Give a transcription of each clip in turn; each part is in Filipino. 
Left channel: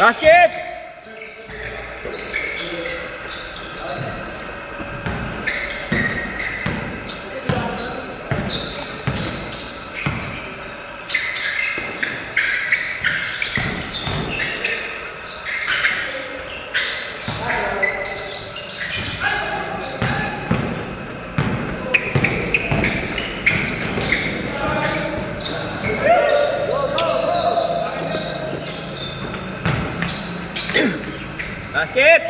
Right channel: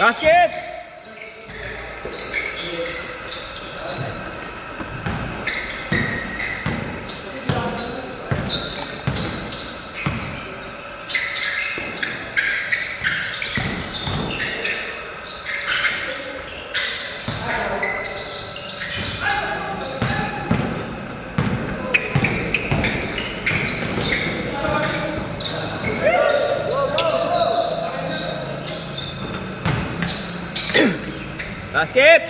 Basket! Basket!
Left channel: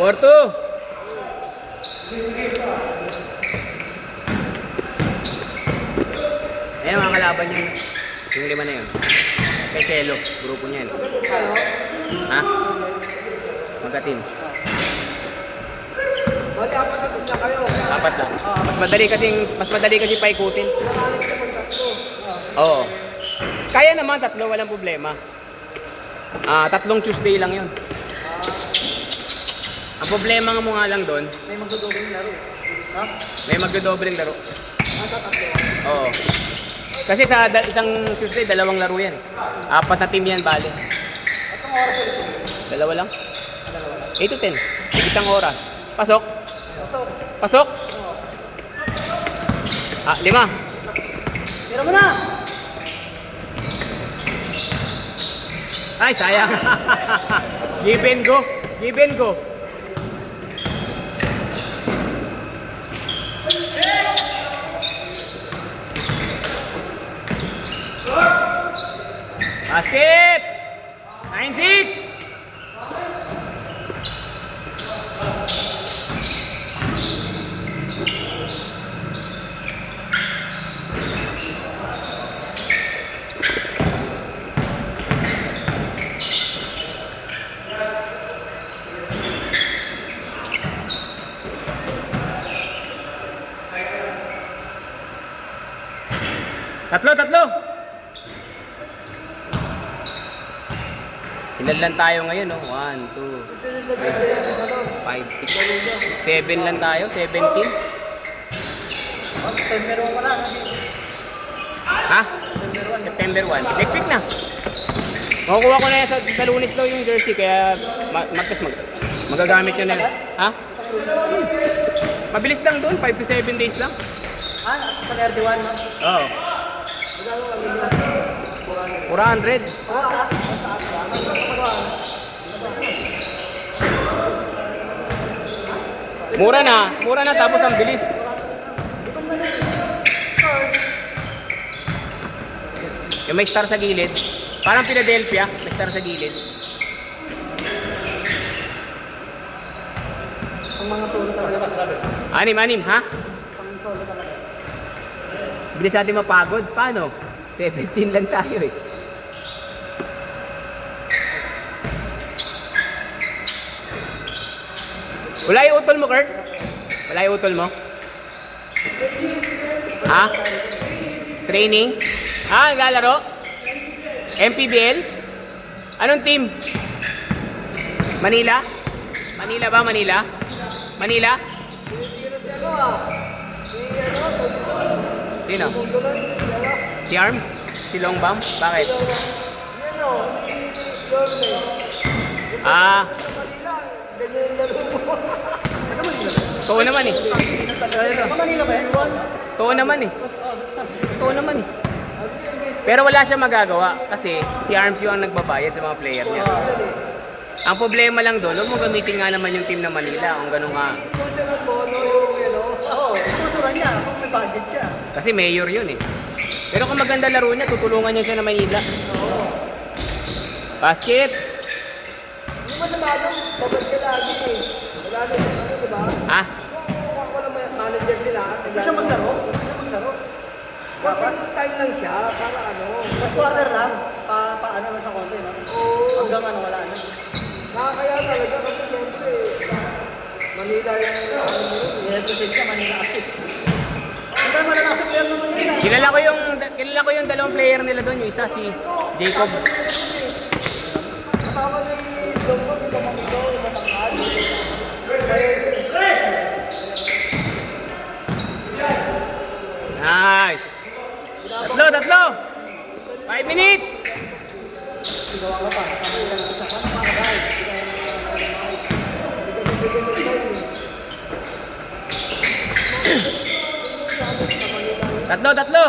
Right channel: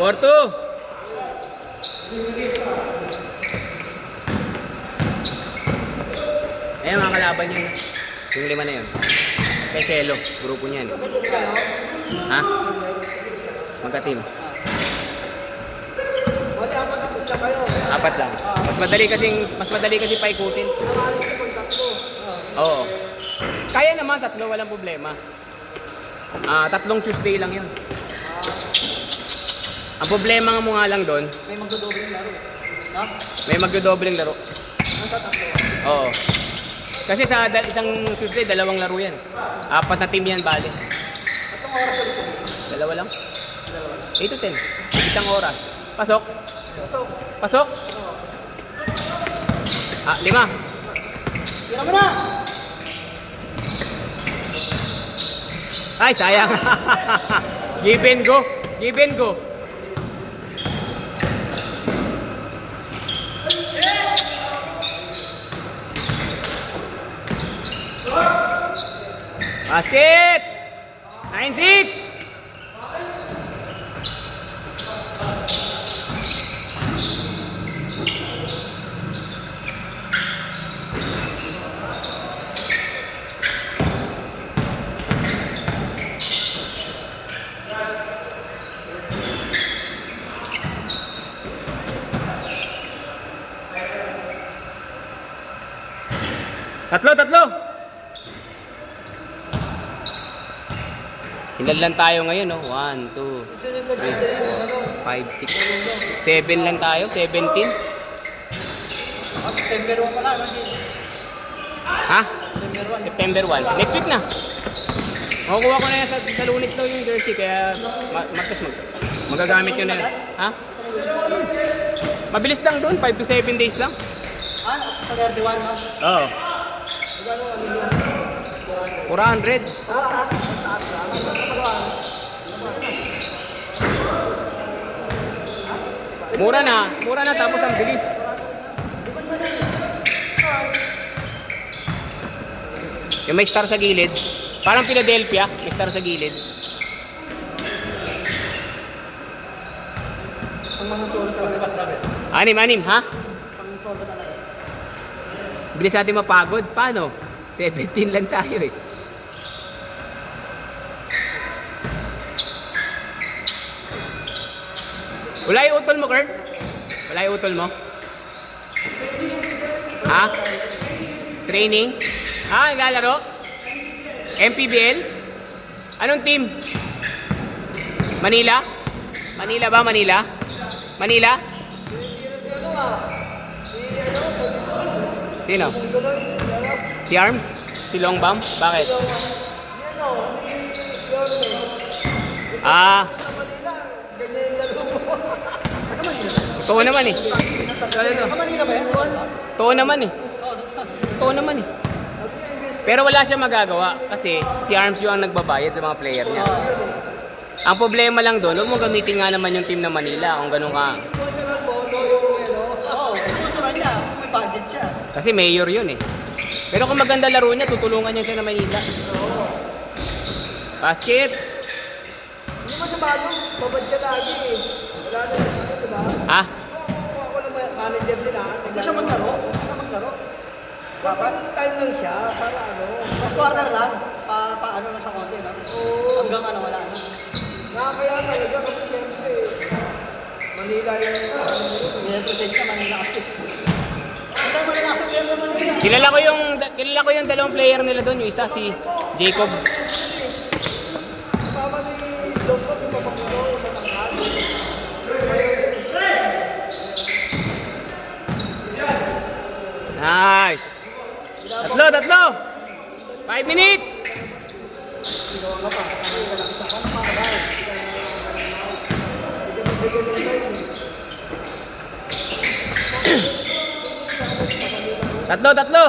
Porto! Ayan mga kalaban niya. Yung lima na yun. Kay Kelo, grupo niya yun. Ha? Magka-team. Apat lang. Mas madali kasi paikutin. Oo. Kaya naman tatlo, walang problema. Tatlong Tuesday lang yun. Ang problema mo nga lang doon, May magdodoble yung laro. Ha? may magdodobleng laro. Tatlo. Oo. Kasi sa isang Tuesday, dalawang laro yan. Apat na team yan, bali. Dalawa lang? 8 to 10. Isang oras. Pasok? Pasok? 5. Tira mo na! Ay, sayang. Give and go. Give and go. Basket! 9-6! Tatlo! Ilan lang tayo ngayon, no? 1, 2, 3, 4, 5, 6, 7 lang tayo, 17. September 1 pala. Ha? September 1. Next week na. Makukuha ko na yan sa Lunes daw yung jersey, kaya magagamit nyo na lang. Ha? Mabilis lang doon, 5 to 7 days lang. Sa RD1 ha? Oo. 400. Mura na tapos ang bilis. Yung may star sa gilid, parang Philadelphia, may star sa gilid. Ang mga solo talaga. Anim, ha? Ang solo talaga. Bilis natin mapagod. Paano? 17 lang tayo eh. Wala yung utol mo, Kurt? Wala yung utol mo? Ha? Training? Naglalaro? MPBL? Anong team? Manila? Manila ba? Manila? Manila? Sino? Si Arms? Si Longbam? Bakit? Totoo naman eh. Totoo naman eh. Pero wala siya magagawa kasi si Arms yung nagbabayad sa mga player niya. Ang problema lang doon, huwag mo gamitin nga naman yung team na Manila kung gano'n nga. Sponsor ng bono yung Oo, sponsoran niya kung may budget siya. Kasi mayor yun eh. Pero kung maganda laro niya, tutulungan niya siya na Manila. Basket! Hindi mo sabagong, babad siya lagi eh. Wala na yun, diba? Ha? Kung ako lang manager nila, hindi siya maglaro. Dapat time lang siya, para quarter lang, paano lang sa konti, no? Hanggang wala na. Nakakaya talaga kasi siyempre, Manila yung i-represent siya, Manila kasi. Hindi mo na nasa player ng Manila. Kilala ko yung dalawang player nila doon, yung isa si Jacob. Kasama ni Longkot, yung pamanggaw, yung matangkad. Tatlo.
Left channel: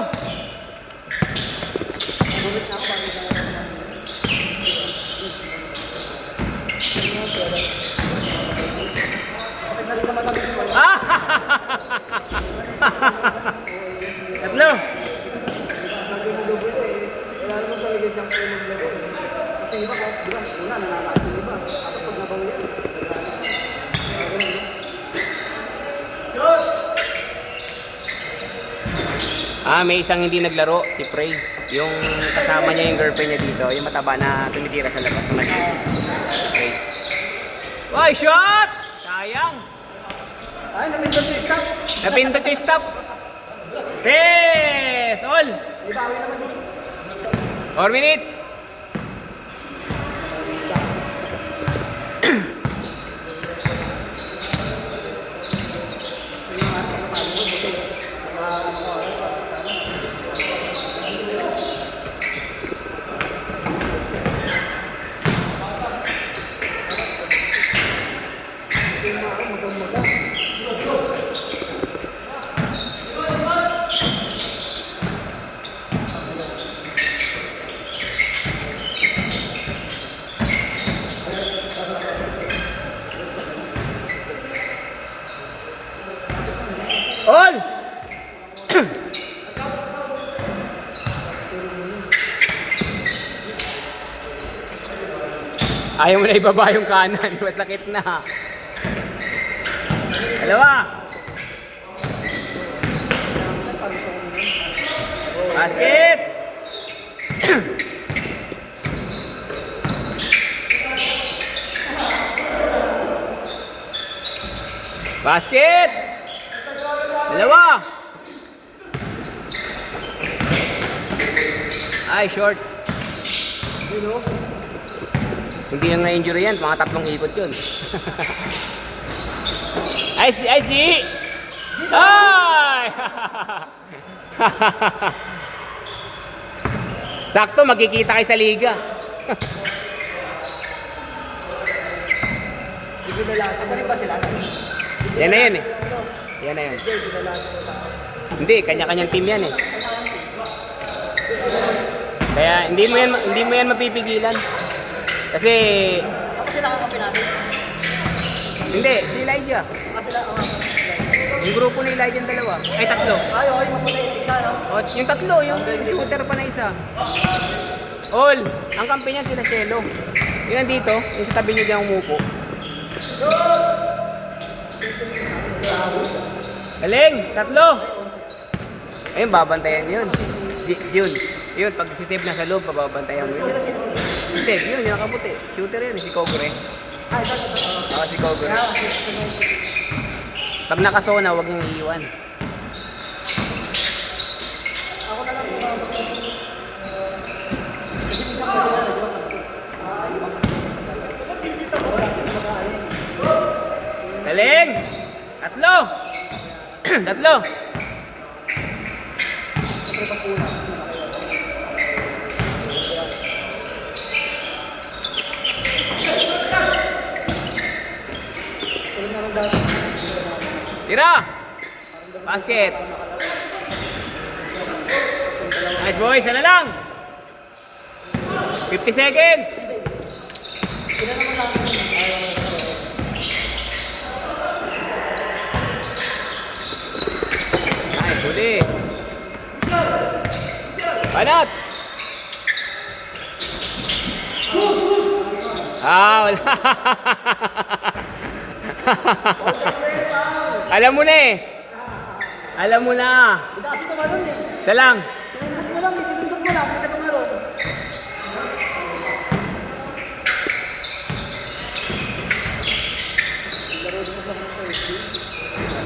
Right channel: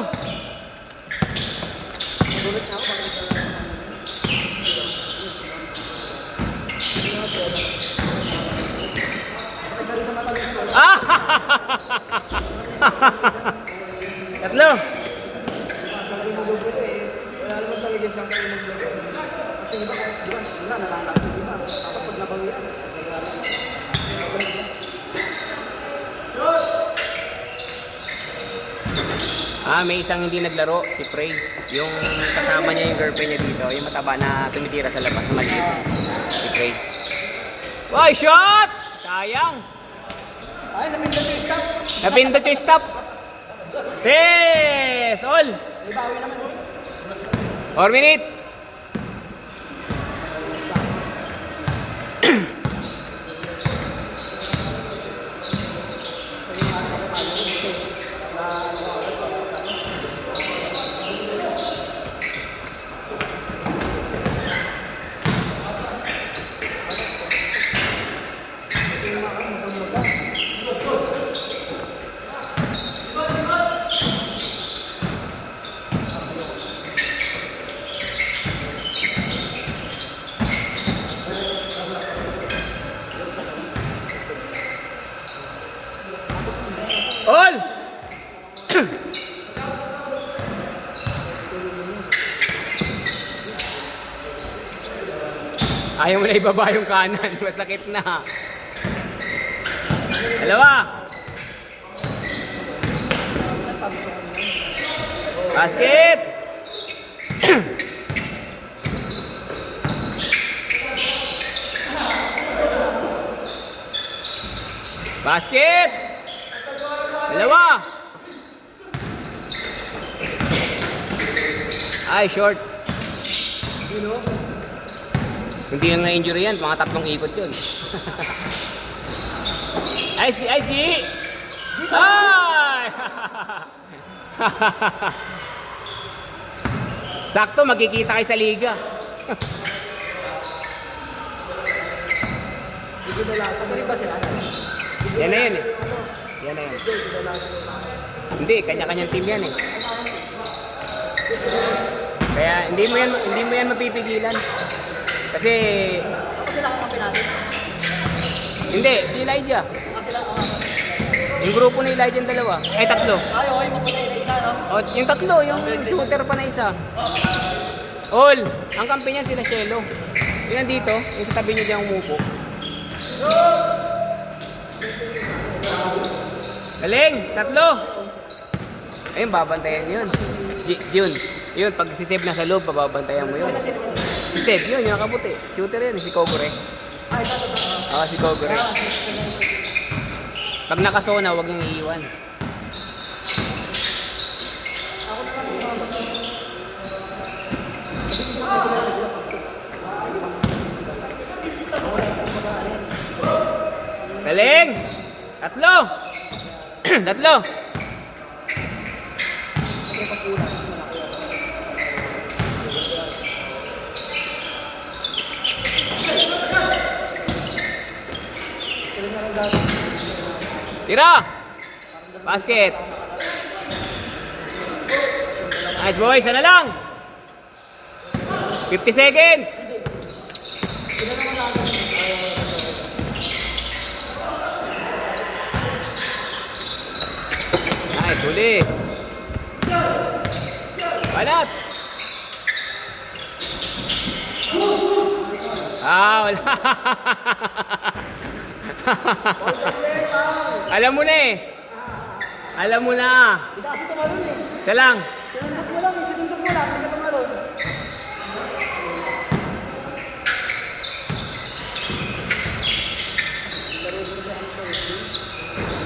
Ah! Tatlo. Wala naman talaga siyang maglaro. Kasi iba ko, di ba, una nananakit yung iba. Tapos pag nabang yan. May isang hindi naglaro, si Prey. Yung kasama niya yung girlfriend niya dito, yung mataba na tumitira sa labas ng si Prey. Ay, shot! Sayang! Ay, napindot yung stop. Napindot yung stop. Yes! All! Ibawi naman yun. 4 minutes. All! Ayaw mo na ibaba yung kanan, masakit na. Dalawa. Basket! Basket! Dalawa! Ay, short. Hindi lang na-injury yan, mga 3 ikot yun. Ay, G! Ay! Sakto, magkikita kayo sa liga. Yan na yan eh. Yan na yan. Hindi, kanya-kanyang team yan eh. Kaya hindi mo yan mapipigilan. Kasi hindi, si Elijah. Yung grupo ni Elijah yung dalawa. Ay, 3. Ay, okay, mapatay na isa, no? O, yung 3, yung shooter pa na isa. All, ang kampi niyan sila Shelo. Yung nandito, yung sa tabi niyo dyan umupo. Galing, 3. Ayun, babantayan yun. Yun. Yun, pag si-save na sa loob, pababantayan mo yun. Si-save yun, yung kaputi. Shooter yun, si Kogure. Ay, ito. Oo, si Kogure. Pag nakasona, huwag niyong iiwan. Galing! 3. 3. Tira! Basket! Nice boy, sana lang! 50 seconds! Nice, uli! Balot! Wala! Alam mo na eh. Alam mo na. Isa lang.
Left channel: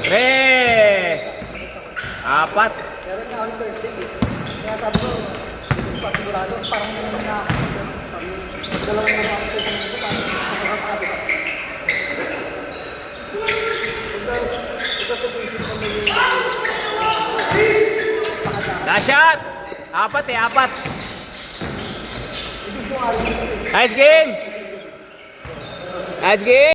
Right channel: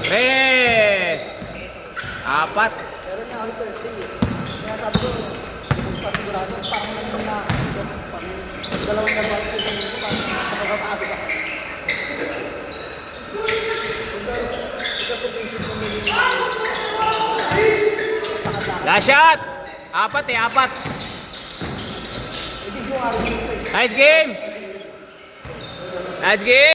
Tres. 4. Last shot. 4 eh, 4. Nice game. Nice game.